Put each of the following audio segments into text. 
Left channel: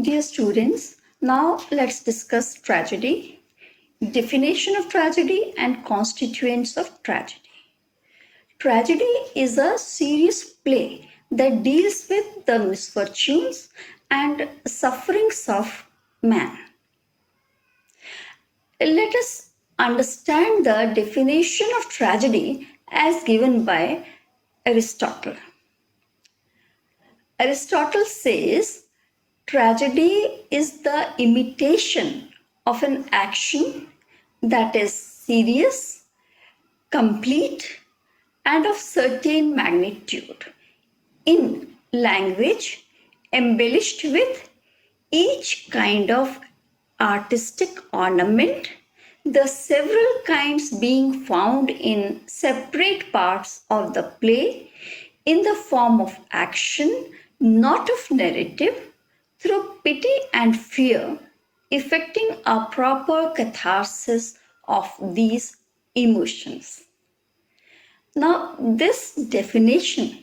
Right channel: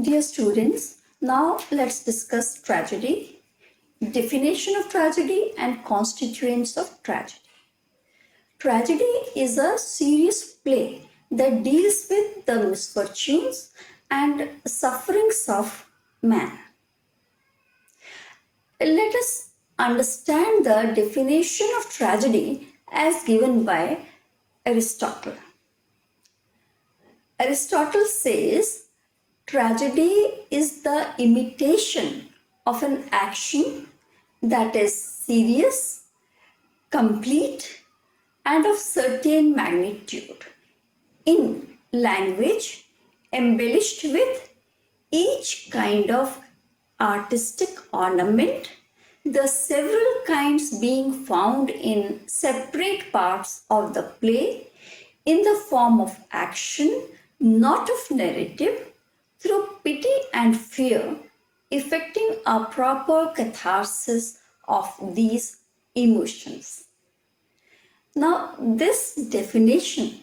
Dear students, now let's discuss tragedy, definition of tragedy, and constituents of tragedy. Tragedy is a serious play that deals with the misfortunes and sufferings of man. Let us understand the definition of tragedy as given by Aristotle. Aristotle says tragedy is the imitation of an action that is serious, complete, and of certain magnitude in language embellished with each kind of artistic ornament, the several kinds being found in separate parts of the play in the form of action, not of narrative, through pity and fear, effecting a proper catharsis of these emotions. Now, this definition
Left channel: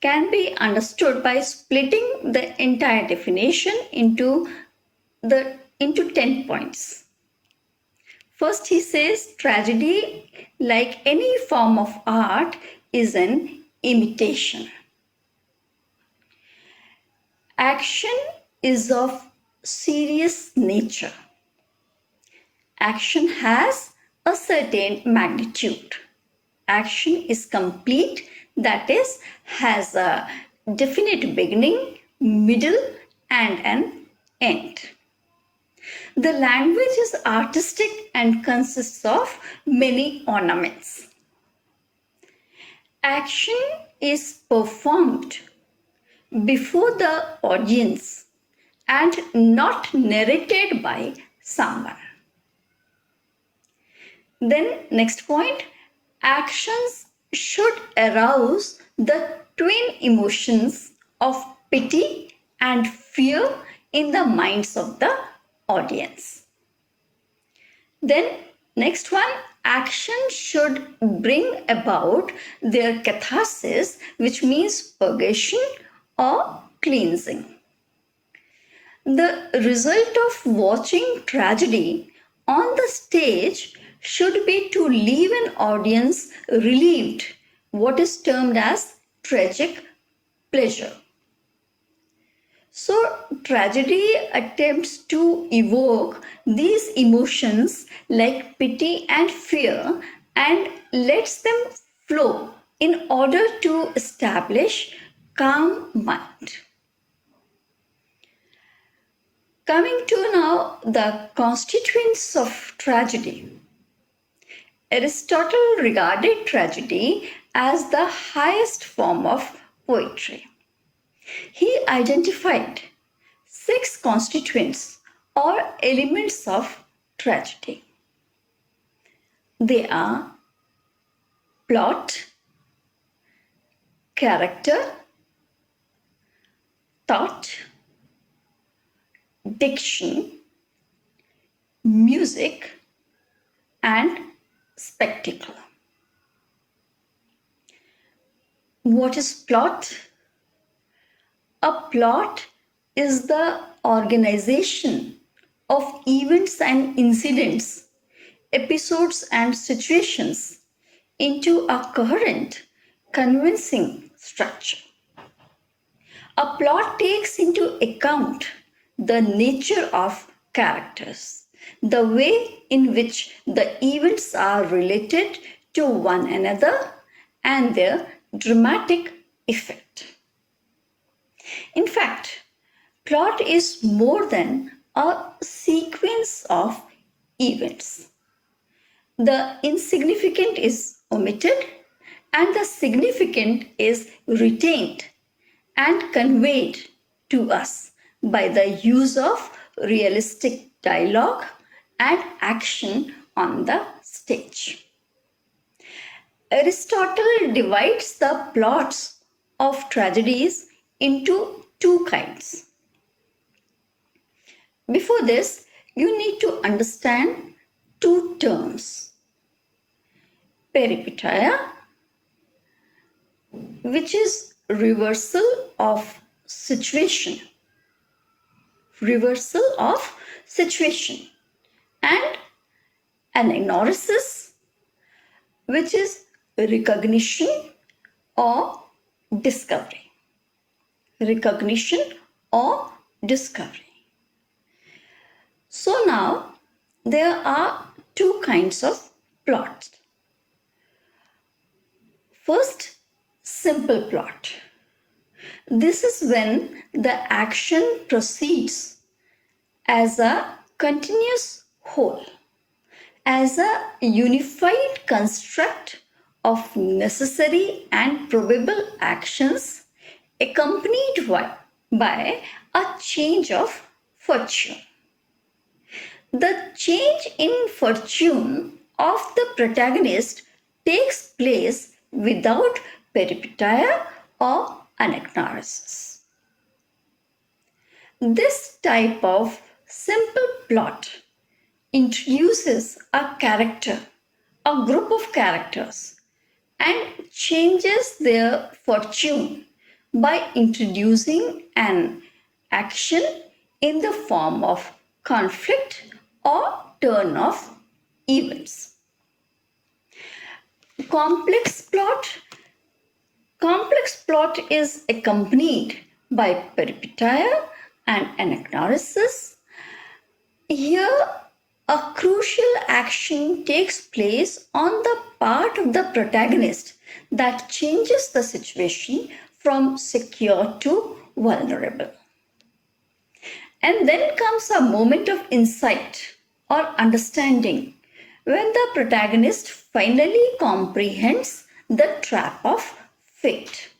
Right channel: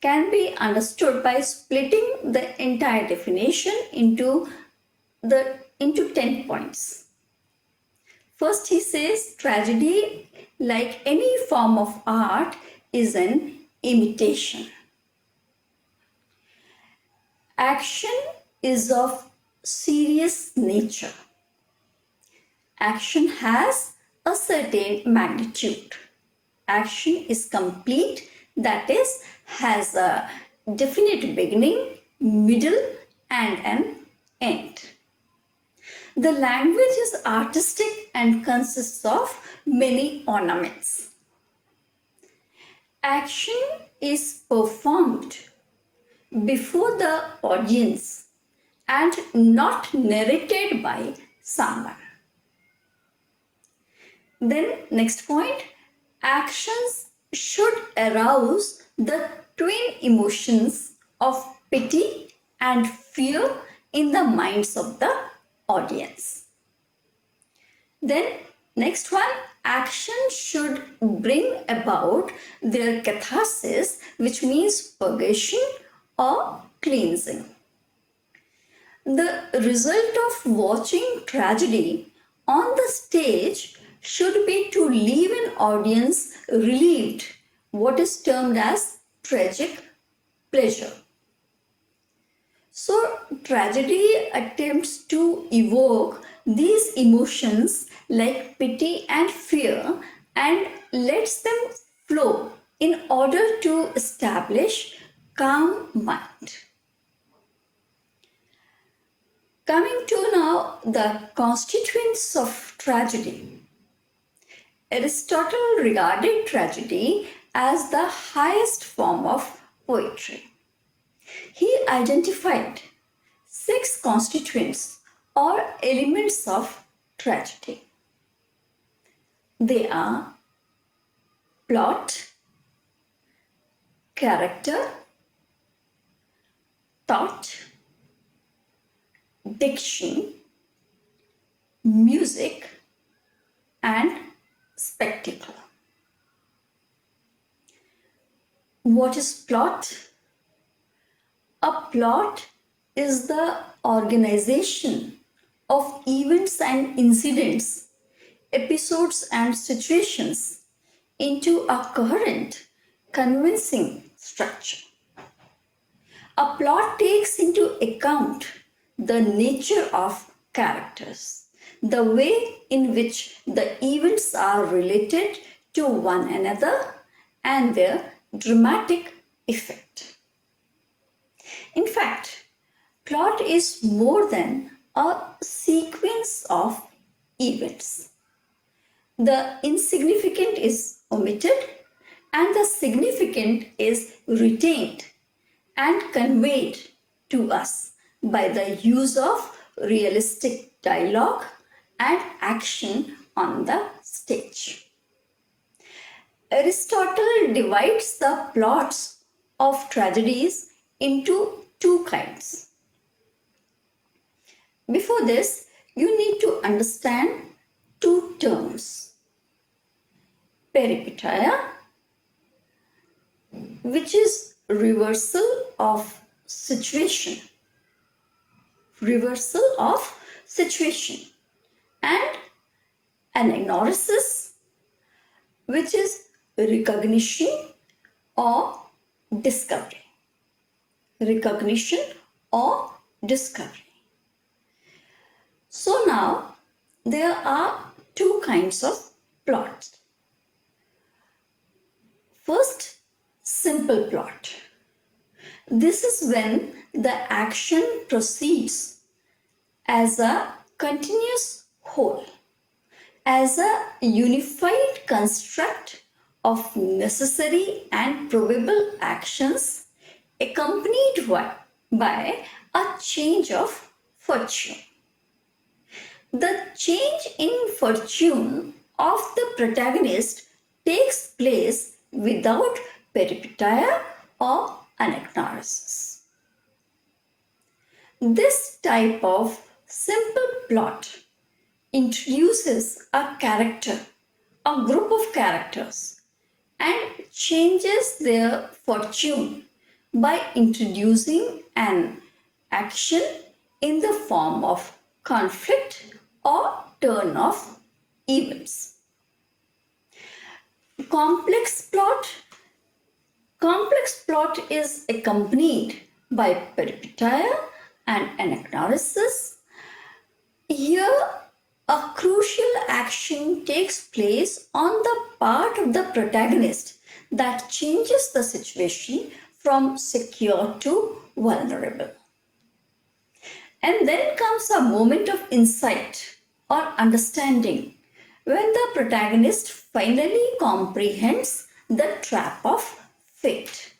can be understood by splitting the entire definition into 10 points. First, he says tragedy, like any form of art, is an imitation. Action is of serious nature. Action has a certain magnitude. Action is complete, that is, has a definite beginning, middle, and an end. The language is artistic and consists of many ornaments. Action is performed before the audience and not narrated by someone. Then, next point, actions should arouse the twin emotions of pity and fear in the minds of the audience. Then, next one, action should bring about their catharsis, which means purgation or cleansing. The result of watching tragedy on the stage should be to leave an audience relieved, what is termed as tragic pleasure. So, tragedy attempts to evoke these emotions like pity and fear and lets them flow in order to establish calm mind. Coming to now the constituents of tragedy. Aristotle regarded tragedy as the highest form of poetry. He identified 6 constituents or elements of tragedy. They are plot, character, thought, diction, music, and spectacle. What is plot? A plot is the organization of events and incidents, episodes and situations into a coherent, convincing structure. A plot takes into account the nature of characters, the way in which the events are related to one another, and their dramatic effect. In fact, plot is more than a sequence of events. The insignificant is omitted and the significant is retained and conveyed to us by the use of realistic dialogue and action on the stage. Aristotle divides the plots of tragedies into 2 kinds. Before this, you need to understand 2 terms. Peripeteia, which is reversal of situation, reversal of situation, and anagnosis, which is recognition or discovery. Recognition or discovery. So now there are two kinds of plots. First, simple plot. This is when the action proceeds as a continuous whole, as a unified construct of necessary and probable actions accompanied by a change of fortune. The change in fortune of the protagonist takes place without peripeteia or anagnorisis. This type of simple plot introduces a character, a group of characters, and changes their fortune by introducing an action in the form of conflict or turn of events. Complex plot is accompanied by peripeteia and anagnorisis. Here, a crucial action takes place on the part of the protagonist that changes the situation from secure to vulnerable. And then comes a moment of insight or understanding when the protagonist finally comprehends the trap of fate.